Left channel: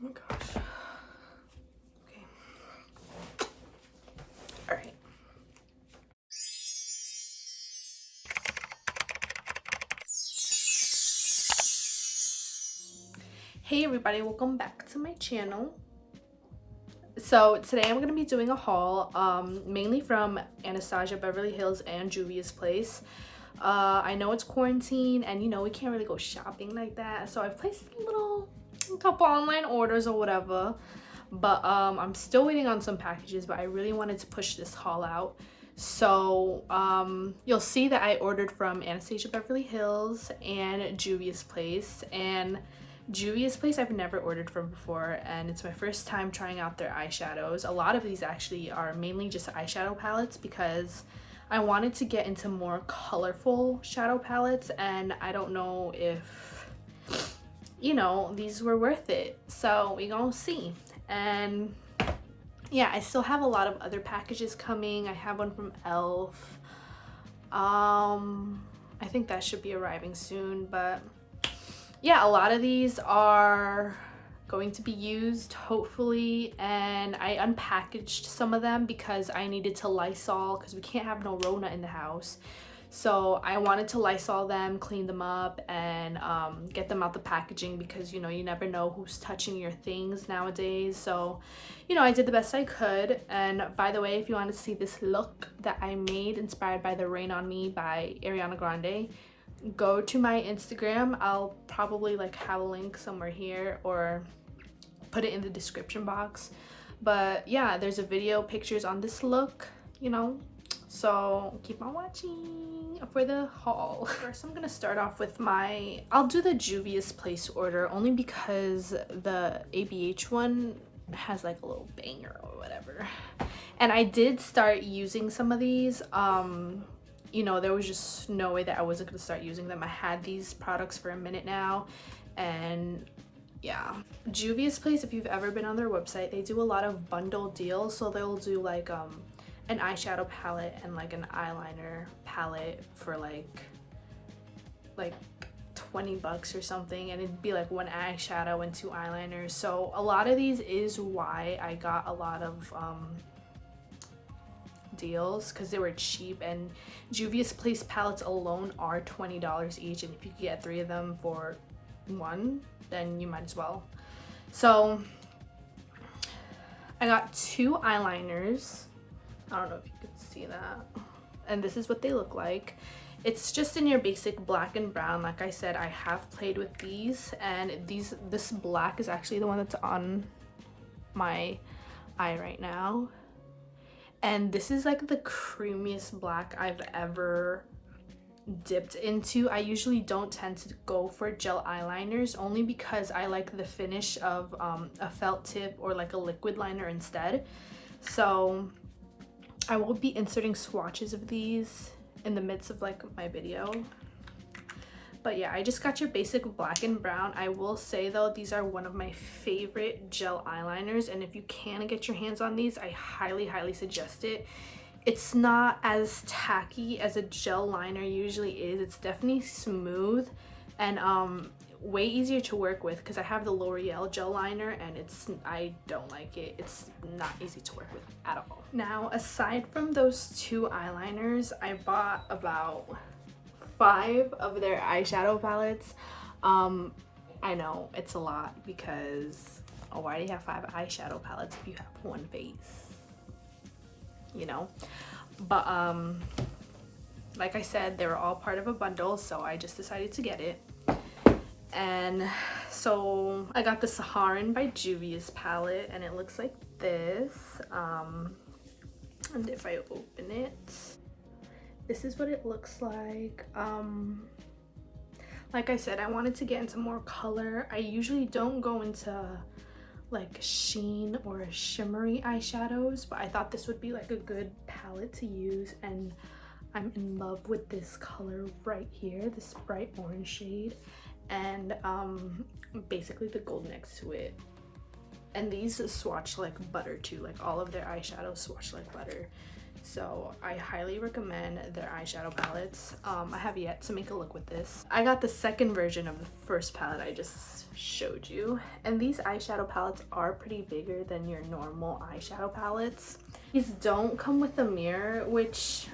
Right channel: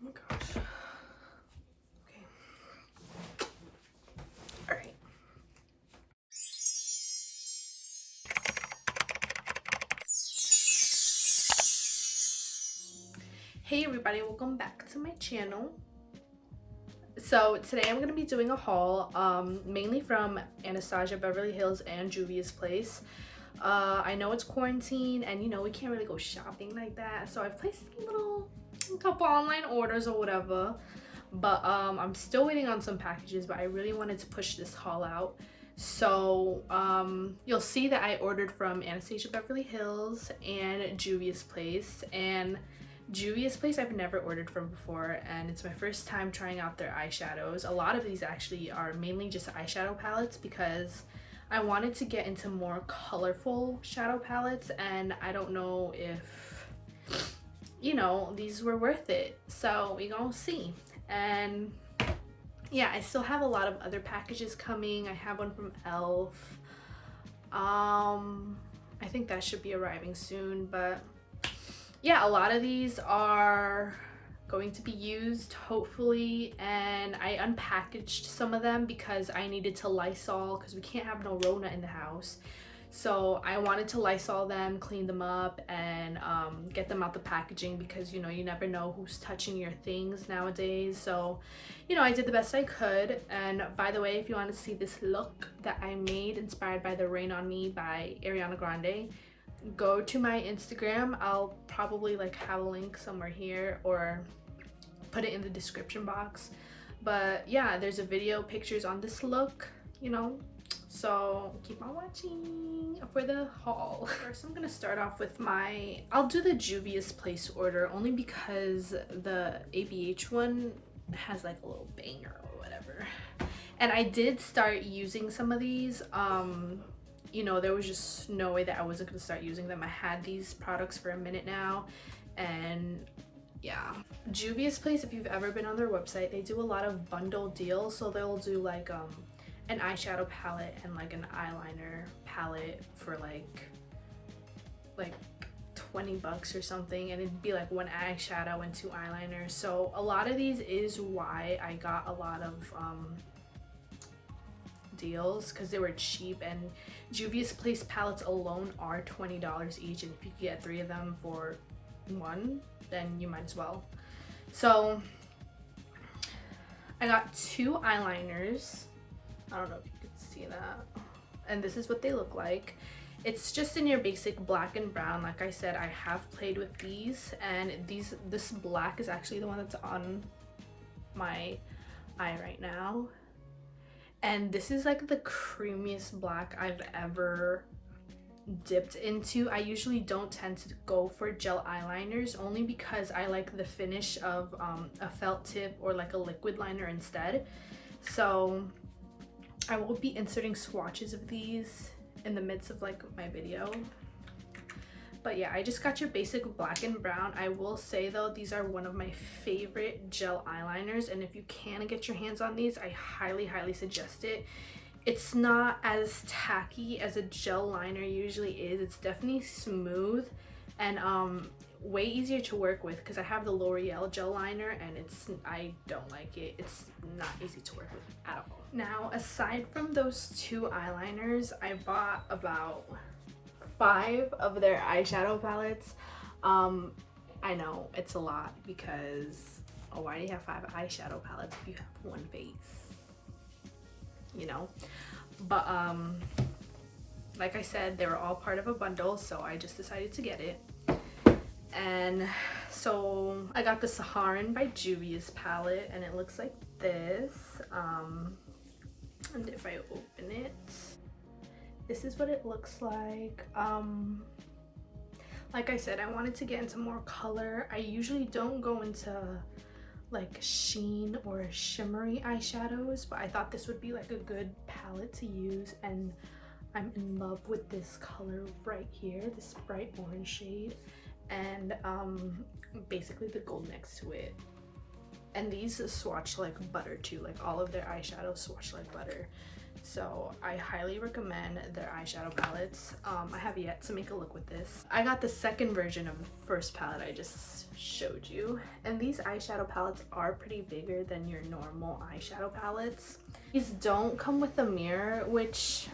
my gosh. Okay. All right. Hey everybody, welcome back to my channel. So today I'm going to be doing a haul mainly from Anastasia Beverly Hills and Juvias Place. I know it's quarantine and you know we can't really go shopping like that, so I've placed a couple online orders or whatever, but I'm still waiting on some packages, but I really wanted to push this haul out. So you'll see that I ordered from Anastasia Beverly Hills and Juvias Place, and Juvia's Place I've never ordered from before, and it's my first time trying out their eyeshadows. A lot of these actually are mainly just eyeshadow palettes because I wanted to get into more colorful shadow palettes, and I don't know if, you know, these were worth it. So we gonna see. And yeah, I still have a lot of other packages coming. I have one from e.l.f. I think that should be arriving soon, but yeah, a lot of these are going to be used hopefully, and I unpackaged some of them because I needed to Lysol because we can't have no Rona in the house. So I wanted to Lysol them, clean them up, and get them out the packaging because, you know, you never know who's touching your things nowadays. So, you know, I did the best I could. And by the way, if you want to see this look that I made inspired by the Rain on Me by Ariana Grande, go to my Instagram. I'll probably like have a link somewhere here or put it in the description box. But yeah, there's a video, pictures on this look, you know, so keep on watching for the haul. First, I'm gonna start off with I'll do the Juvias Place order only because the ABH one has like a little banger or whatever. And I did start using some of these. You know, there was just no way that I wasn't gonna start using them. I had these products for a minute now, and yeah. Juvia's Place, if you've ever been on their website, they do a lot of bundle deals. So they'll do like an eyeshadow palette and like an eyeliner palette for like 20 bucks or something, and it'd be like one eyeshadow and two eyeliners. So a lot of these is why I got a lot of deals, because they were cheap. And Juvia's Place palettes alone are $20 each, and if you get 3 of them for one, then you might as well. So I got 2 eyeliners. I don't know if you can see that, and this is what they look like. It's just in your basic black and brown. Like I said, I have played with these, and this black is actually the one that's on my eye right now. And this is like the creamiest black I've ever dipped into. I usually don't tend to go for gel eyeliners only because I like the finish of a felt tip or like a liquid liner instead. So I will be inserting swatches of these in the midst of like my video. But yeah, I just got your basic black and brown. I will say though, these are one of my favorite gel eyeliners, and if you can get your hands on these, I highly suggest it. It's not as tacky as a gel liner usually is. It's definitely smooth and way easier to work with because I have the L'Oreal gel liner, and I don't like it. It's not easy to work with at all. Now, aside from those 2 eyeliners, I bought about 5 of their eyeshadow palettes. I know it's a lot because why do you have 5 eyeshadow palettes if you have one face, you know? But like I said, they were all part of a bundle, so I just decided to get it. And so I got the Saharan by Juvia's palette, and it looks like this. And if I open it, this is what it looks like. Like I said, I wanted to get into more color. I usually don't go into like sheen or shimmery eyeshadows, but I thought this would be like a good palette to use, and I'm in love with this color right here, this bright orange shade, and basically the gold next to it. And these swatch like butter too, like all of their eyeshadows swatch like butter. So I highly recommend their eyeshadow palettes. I have yet to make a look with this. I got the second version of the first palette I just showed you, and these eyeshadow palettes are pretty bigger than your normal eyeshadow palettes. These don't come with a mirror, which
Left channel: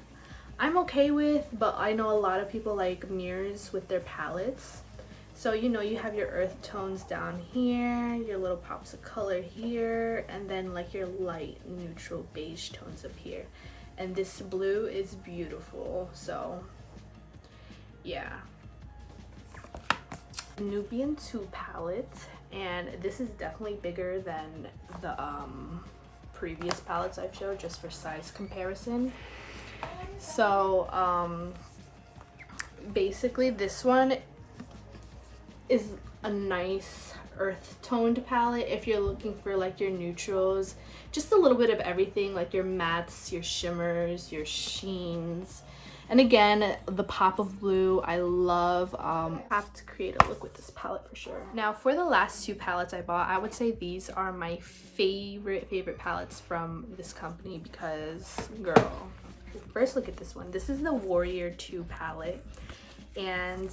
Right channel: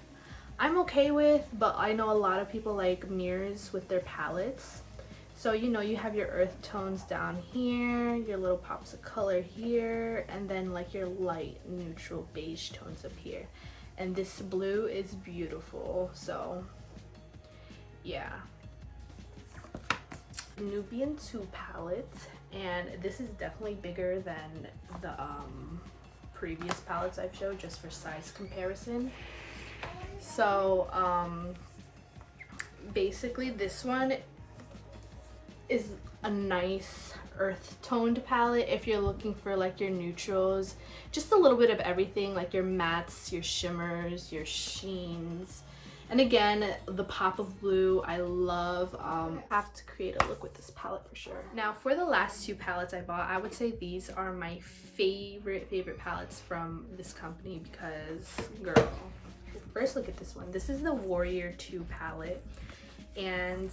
I'm okay with, but I know a lot of people like mirrors with their palettes. So you know, you have your earth tones down here, your little pops of color here, and then like your light neutral beige tones up here. And this blue is beautiful, so yeah. Nubian 2 palette, and this is definitely bigger than the previous palettes I've showed, just for size comparison. So basically this one is a nice earth toned palette if you're looking for like your neutrals, just a little bit of everything, like your mattes, your shimmers, your sheens, and again the pop of blue. I love. Have to create a look with this palette for sure. Now for the last 2 palettes I bought, I would say these are my favorite palettes from this company, because girl, first look at this one. This is the Warrior 2 palette, and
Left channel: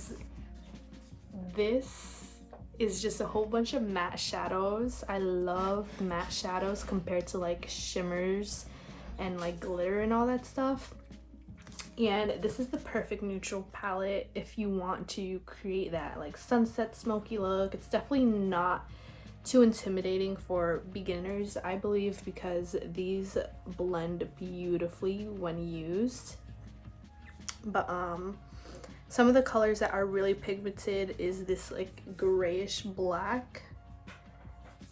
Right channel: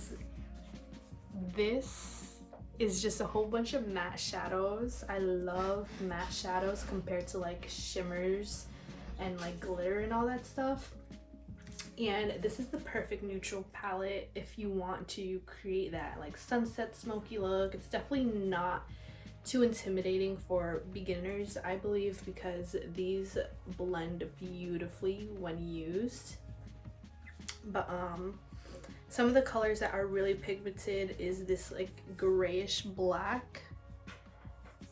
this is just a whole bunch of matte shadows. I love matte shadows compared to like shimmers and like glitter and all that stuff. And this is the perfect neutral palette if you want to create that like sunset smoky look. It's definitely not too intimidating for beginners, I believe, because these blend beautifully when used. But some of the colors that are really pigmented is this like grayish black,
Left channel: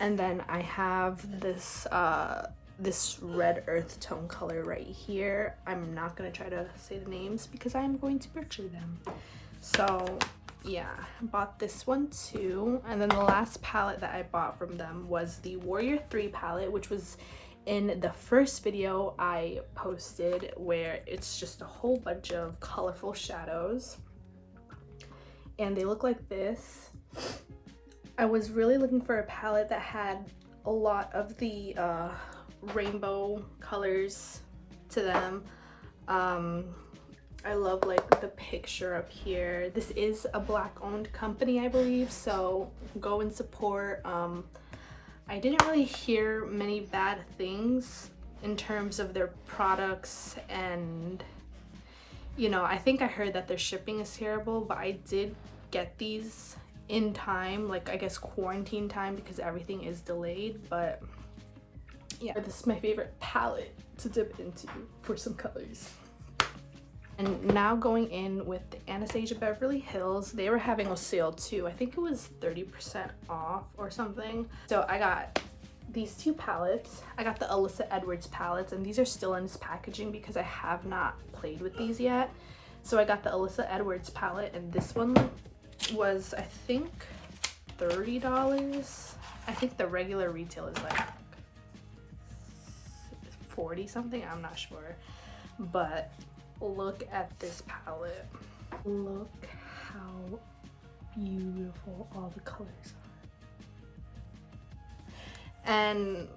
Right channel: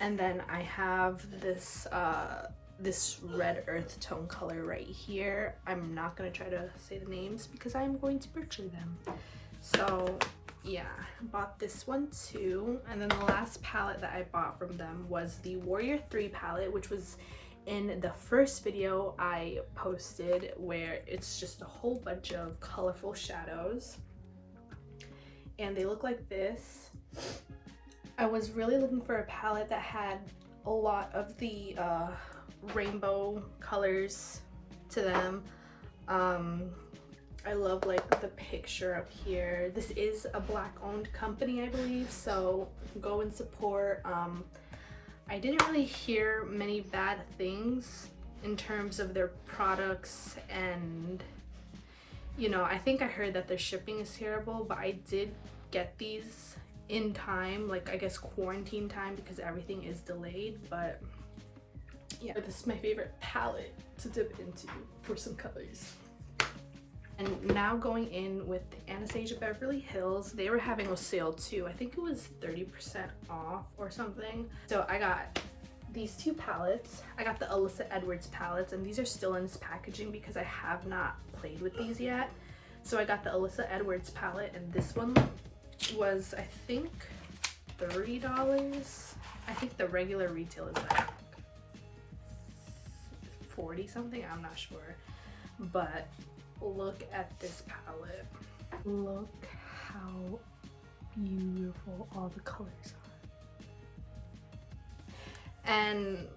and then I have this this red earth tone color right here. I'm not gonna try to say the names because I'm going to butcher them. So yeah, bought this one too. And then the last palette that I bought from them was the Warrior 3 palette, which was in the first video I posted, where it's just a whole bunch of colorful shadows, and they look like this. I was really looking for a palette that had a lot of the rainbow colors to them. I love like the picture up here. This is a black owned company, I believe, so go and support. I didn't really hear many bad things in terms of their products, and you know, I think I heard that their shipping is terrible, but I did get these in time, like I guess quarantine time, because everything is delayed. But yeah, this is my favorite palette to dip into for some colors. And now going in with the Anastasia Beverly Hills. They were having a sale too. I think it was 30% off or something. So I got these 2 palettes. I got the Alyssa Edwards palettes, and these are still in this packaging because I have not played with these yet. So I got the Alyssa Edwards palette, and this one was, I think, $30. I think the regular retail is like 40 something, I'm not sure. But look at this palette. Look how beautiful all the colors are. And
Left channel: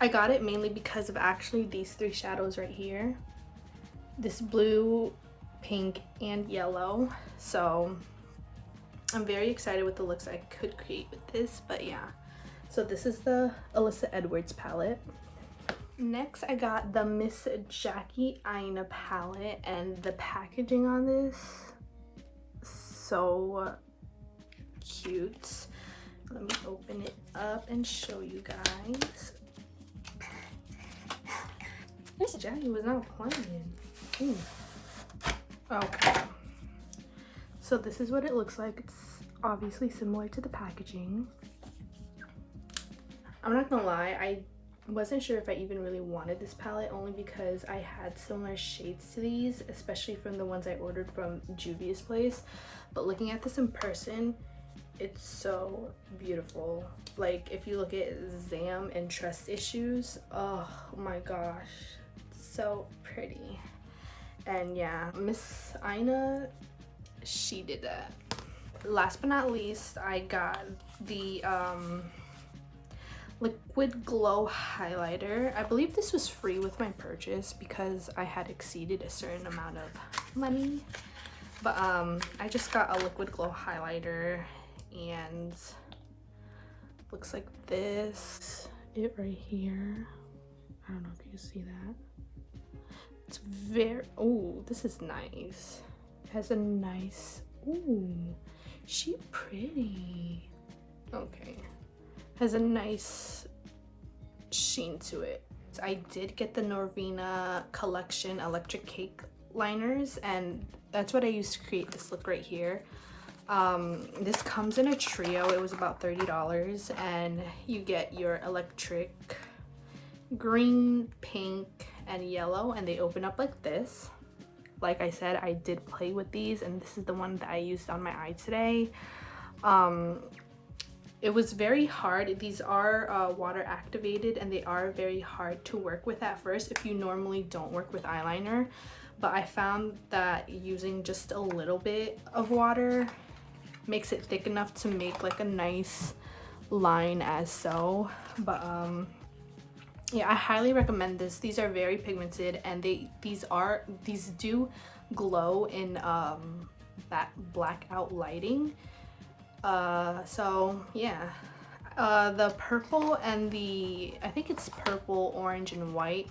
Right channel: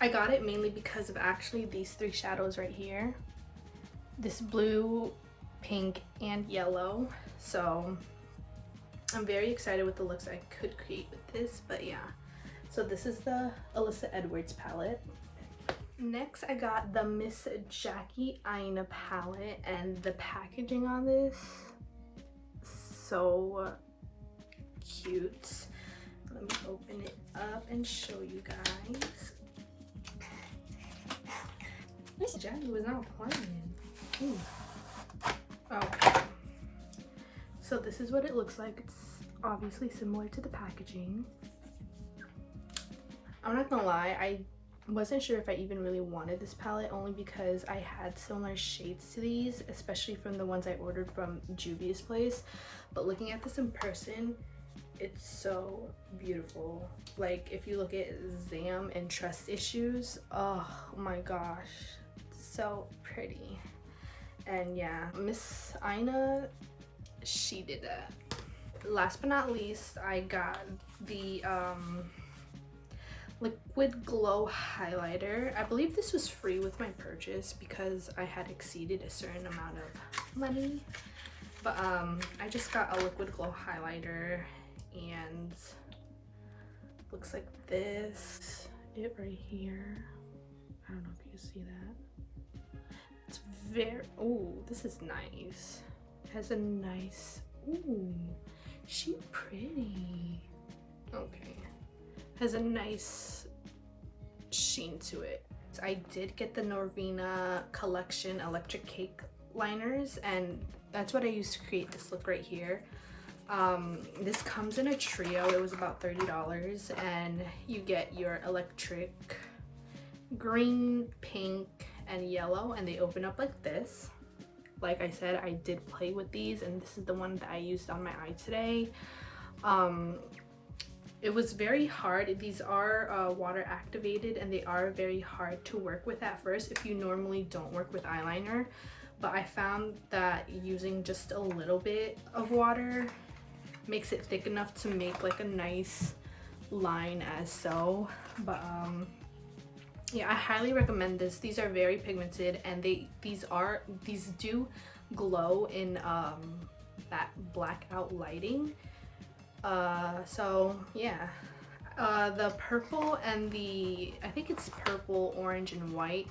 I got it mainly because of actually these 3 shadows right here. This blue, pink, and yellow. So I'm very excited with the looks I could create with this. But yeah, so this is the Alyssa Edwards palette. Next, I got the Miss Jackie Aina palette, and the packaging on this, so cute. Let me open it up and show you guys. Miss Jackie was not playing. Okay. So this is what it looks like. It's obviously similar to the packaging. I'm not gonna lie, I wasn't sure if I even really wanted this palette, only because I had similar shades to these, especially from the ones I ordered from Juvias Place. But looking at this in person, it's so beautiful. Like if you look at Zam and Trust Issues, oh my gosh, so pretty. And yeah, Miss Aina, she did that. Last but not least, I got the liquid glow highlighter. I believe this was free with my purchase because I had exceeded a certain amount of money. But I just got a liquid glow highlighter, and looks like this. It right here. I don't know if you can see that. It's very, oh, this is nice. It has a nice, ooh, she pretty. Okay. Has a nice sheen to it. I did get the Norvina collection electric cake liners, and that's what I used to create this look right here. This comes in a trio. It was about $30, and you get your electric green, pink, and yellow, and they open up like this. Like I said, I did play with these, and this is the one that I used on my eye today. It was very hard. These are water activated, and they are very hard to work with at first if you normally don't work with eyeliner. But I found that using just a little bit of water makes it thick enough to make like a nice line as so. But yeah, I highly recommend this. These are very pigmented, and these do glow in that blackout lighting. So yeah, the purple and I think it's purple, orange, and white,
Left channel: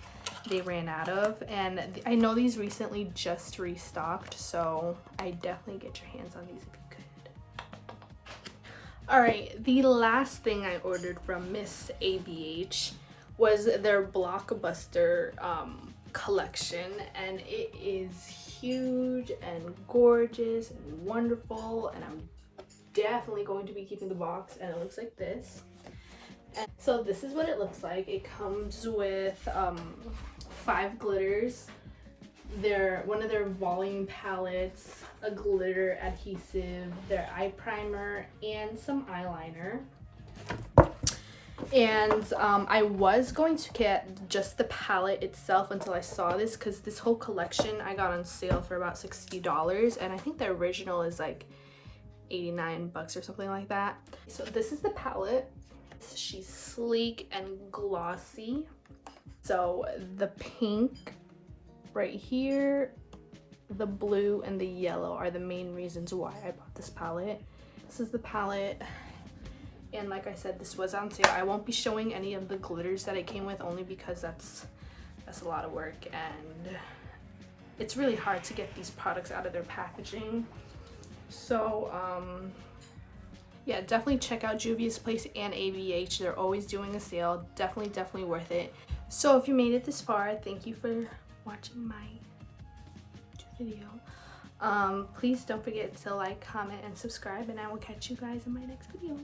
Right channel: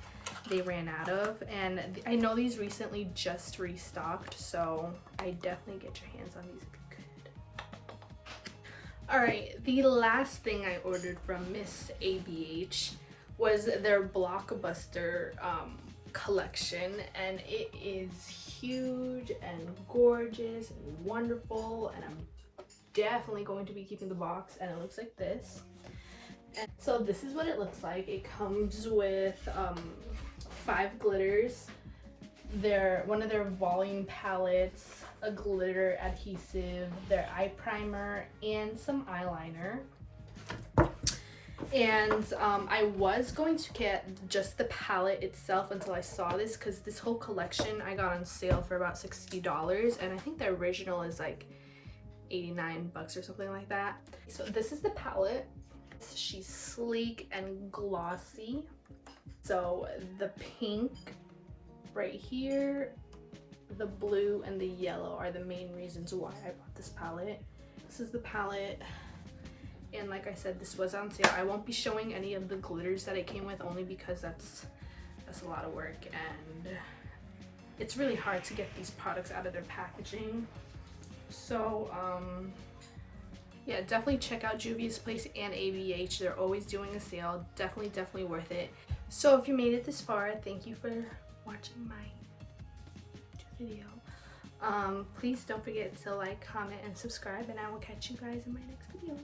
they ran out of, and I know these recently just restocked, so I definitely get your hands on these if you could. All right, the last thing I ordered from Miss ABH was their blockbuster collection, and it is huge and gorgeous and wonderful, and I'm definitely going to be keeping the box, and it looks like this. And so this is what it looks like. It comes with 5 glitters, one of their volume palettes, a glitter adhesive, their eye primer, and some eyeliner. And I was going to get just the palette itself until I saw this, because this whole collection I got on sale for about $60, and I think the original is like $89 or something like that. So this is the palette. She's sleek and glossy. So the pink right here, the blue, and the yellow are the main reasons why I bought this palette. This is the palette, and like I said, this was on sale. I won't be showing any of the glitters that it came with, only because that's a lot of work, and it's really hard to get these products out of their packaging. So yeah, definitely check out Juvias Place and ABH. They're always doing a sale. Definitely worth it. So if you made it this far, thank you for watching my video. Please don't forget to like, comment, and subscribe, and I will catch you guys in my next video.